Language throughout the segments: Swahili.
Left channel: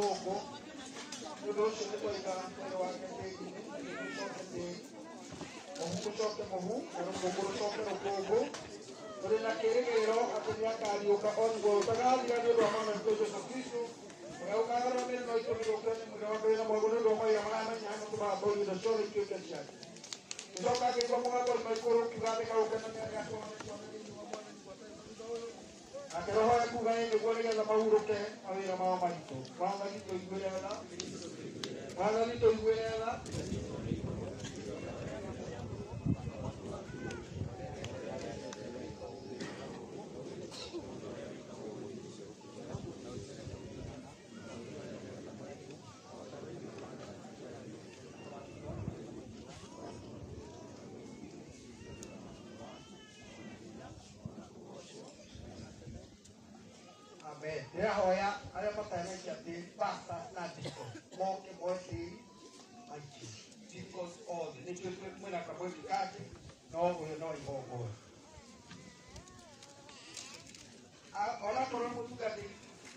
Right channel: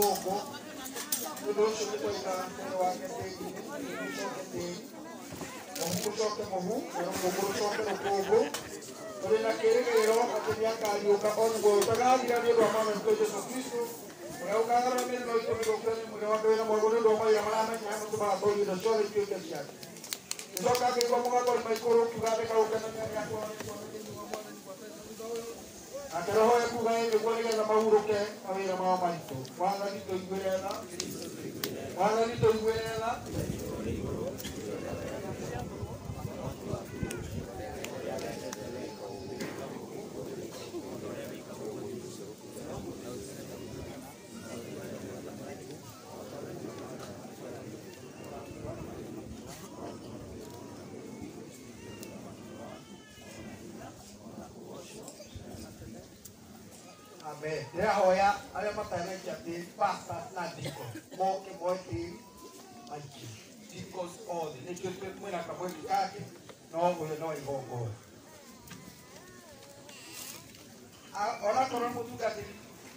Igogo. Tudo show de qualidade, eu acho que o choque mohu, o choque no povo. Mas naquele que era o que tinha caído, o capão do gol, pegava o dia de Roma, mas foi Jesus Cristo. Eu cara não me lembro do que eu não tenho uma boa Roma e a mãe não tem uma boa de show de que eu tinha. Então cara que como agora mais coro que vai pegar o que não tinha agora. Aquela hora que vai eu vou ligar para o que a ver a mamãe. Quando ali tô iguela, quando ali tô iguela. Ya hoya ada matanya jadi pasar nadiko mau ke boy ke aji because all the little bit when I come with kaki no we no igongo ahora corremos tu gati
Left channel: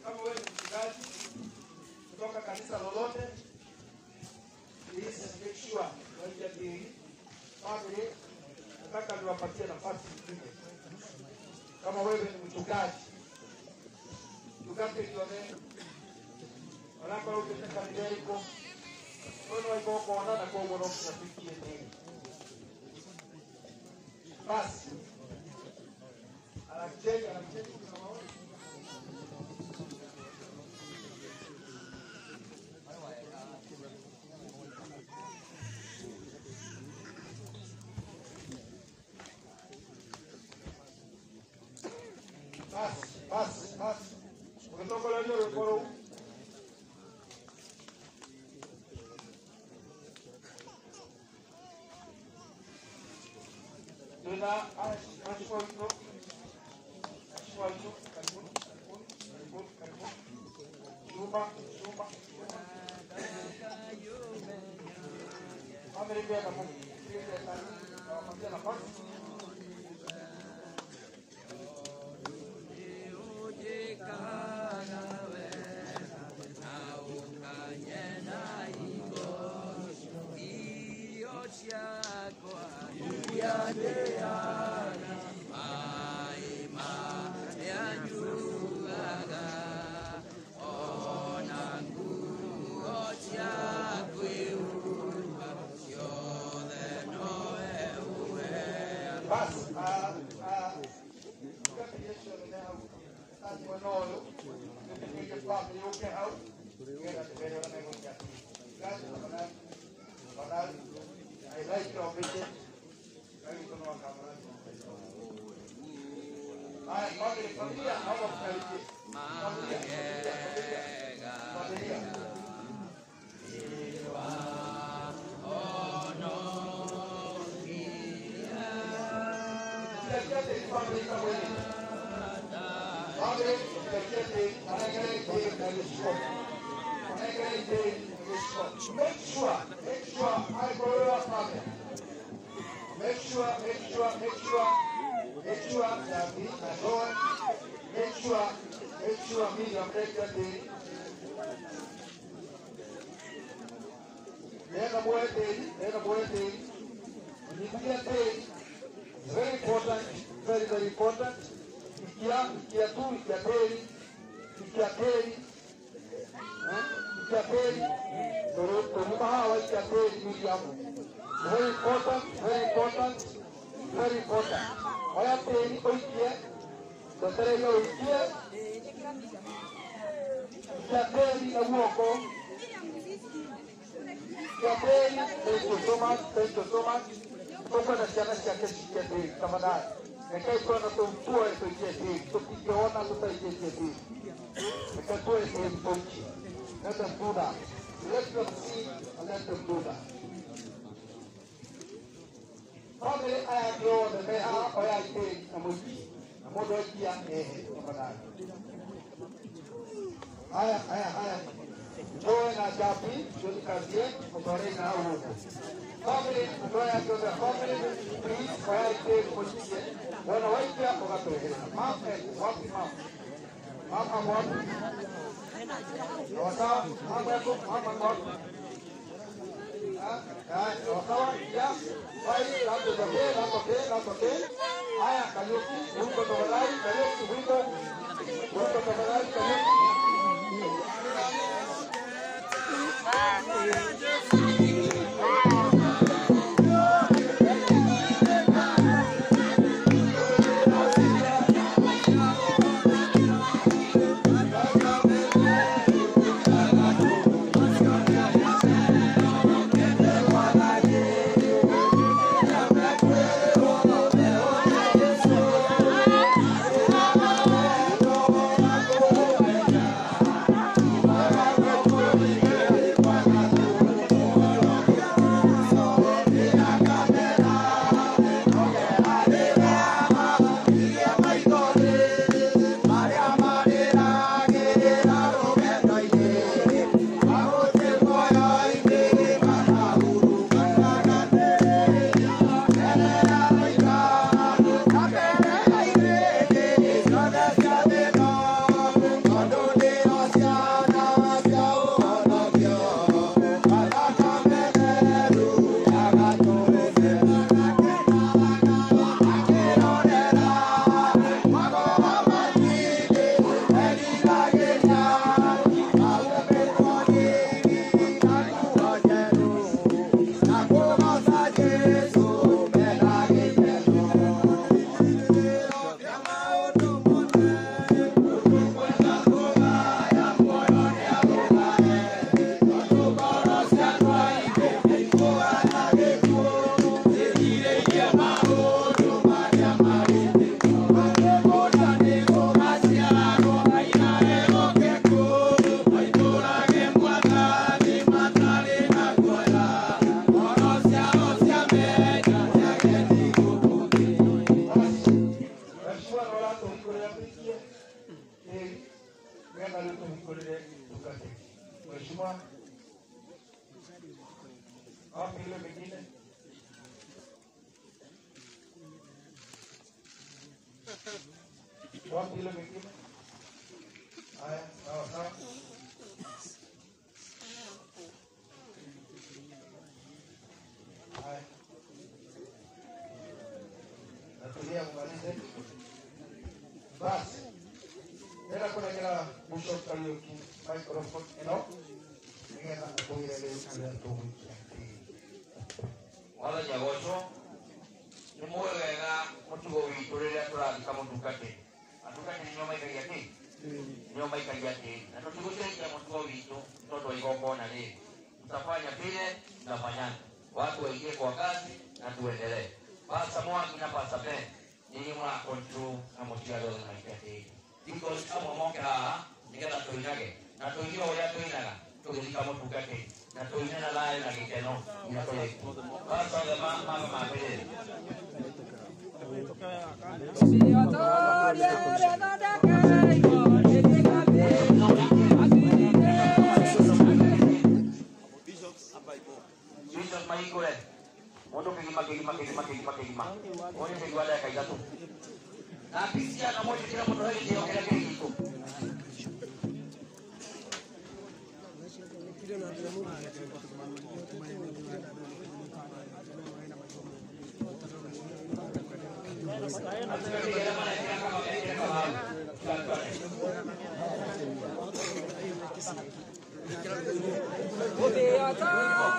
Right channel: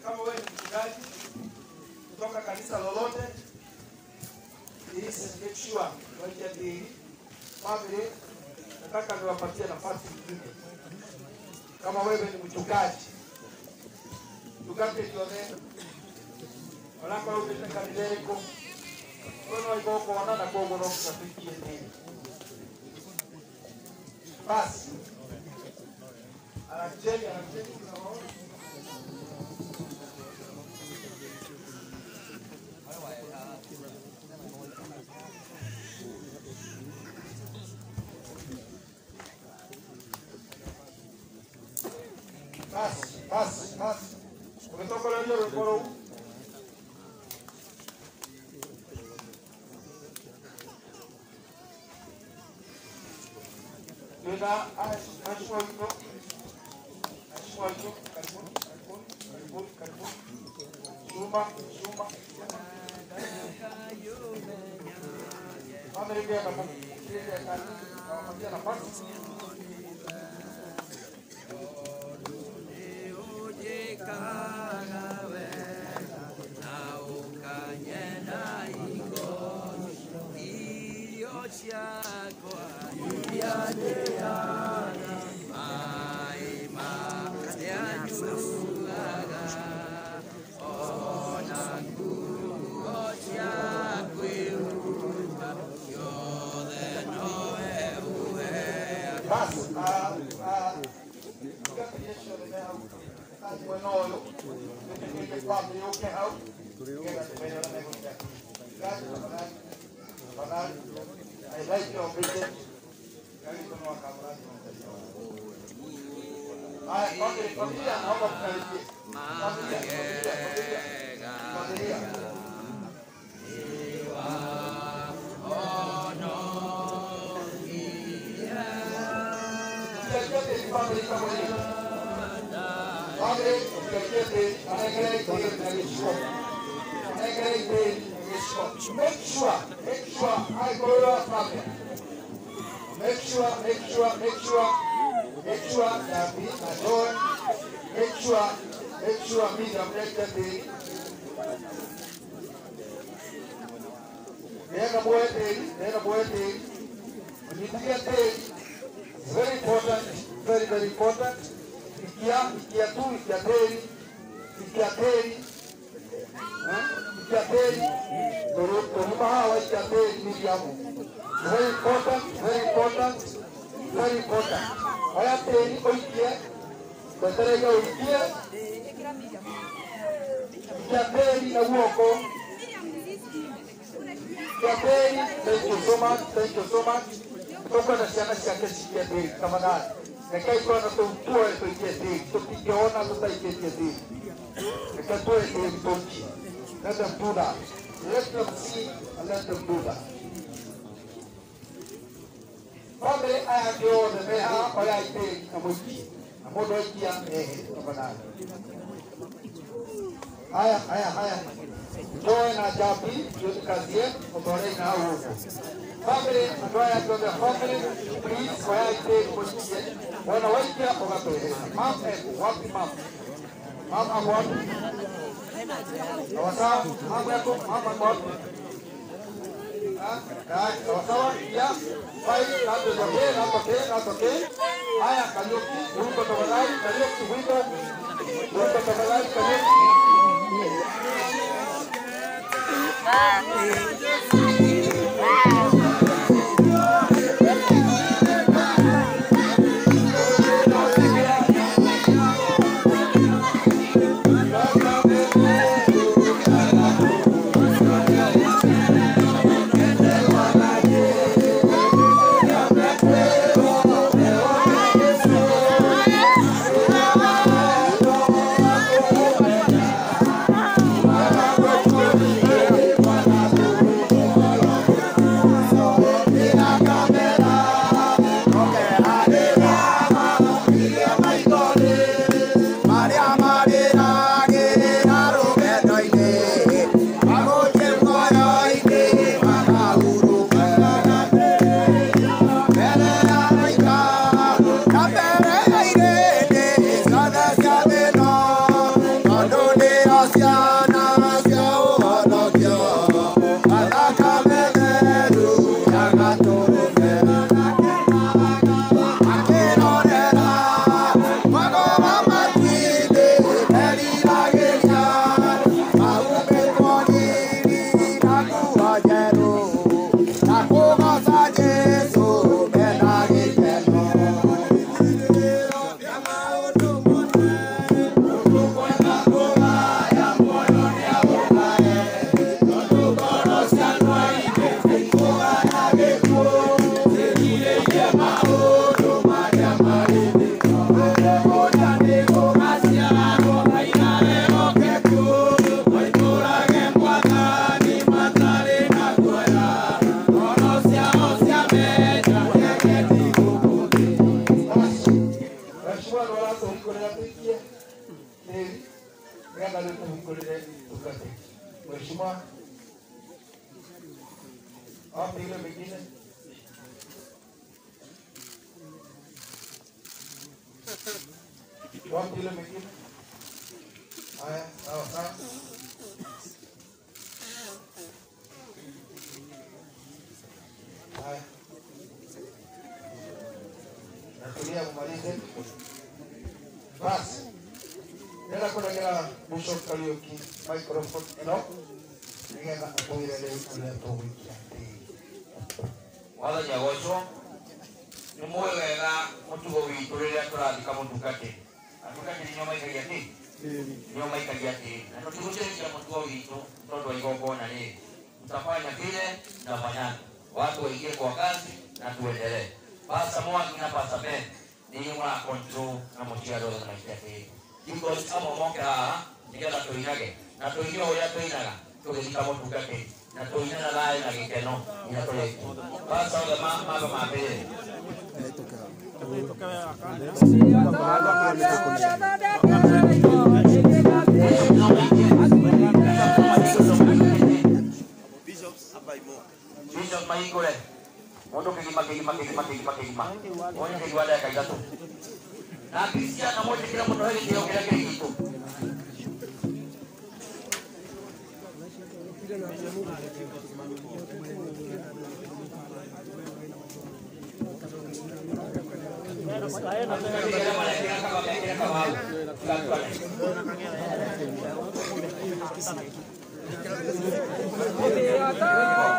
kama wewe mchungaji kutoka kanisa lolote is make sure wajadi mabele nataka niwapatie nafasi nyingine kama wewe ni mchungaji Tukate tuone, wala kwa ukita kabileriko, kono iboko wanana kogo no kusafikia nini. Basi, anacheki kuna maoni. Basi. Umetoka leo reporo. Nina aswalto. Karbon. Suma. Mana dia kamu? Dia nampak. I like your vision. Make sure, I go your pocket. Make sure that we are going. Make sure we are break the day. Then a boy day. Immediate day is very important, very important. Very important. I have to here. But there you here. Thank you so much. Toka na siya kesikia day. Tamanan. Nakaiko na tua ito day. Tukigawa na ito day. Nakatua ito day. Let them do that. Let them see and let them do that. Ombre ayakyo de meha oyaite amuki. Amodo kia tamanan. Aya. Join a jabi, you can get Otorei na ugo. Family, Otoya to the family, please, oyaite position. Wana waikia ogatoe. Mam eko, wapi mam? Mam amwatu? Sawa-sawa, hapo yako hapa kwa hapo. Sawa-sawa, ya. Baik, natoke. Haya, Kariuki, wimbo tafadhali, Kariuki, wimbo tafadhali, Kariuki.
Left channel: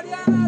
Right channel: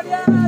Yeah.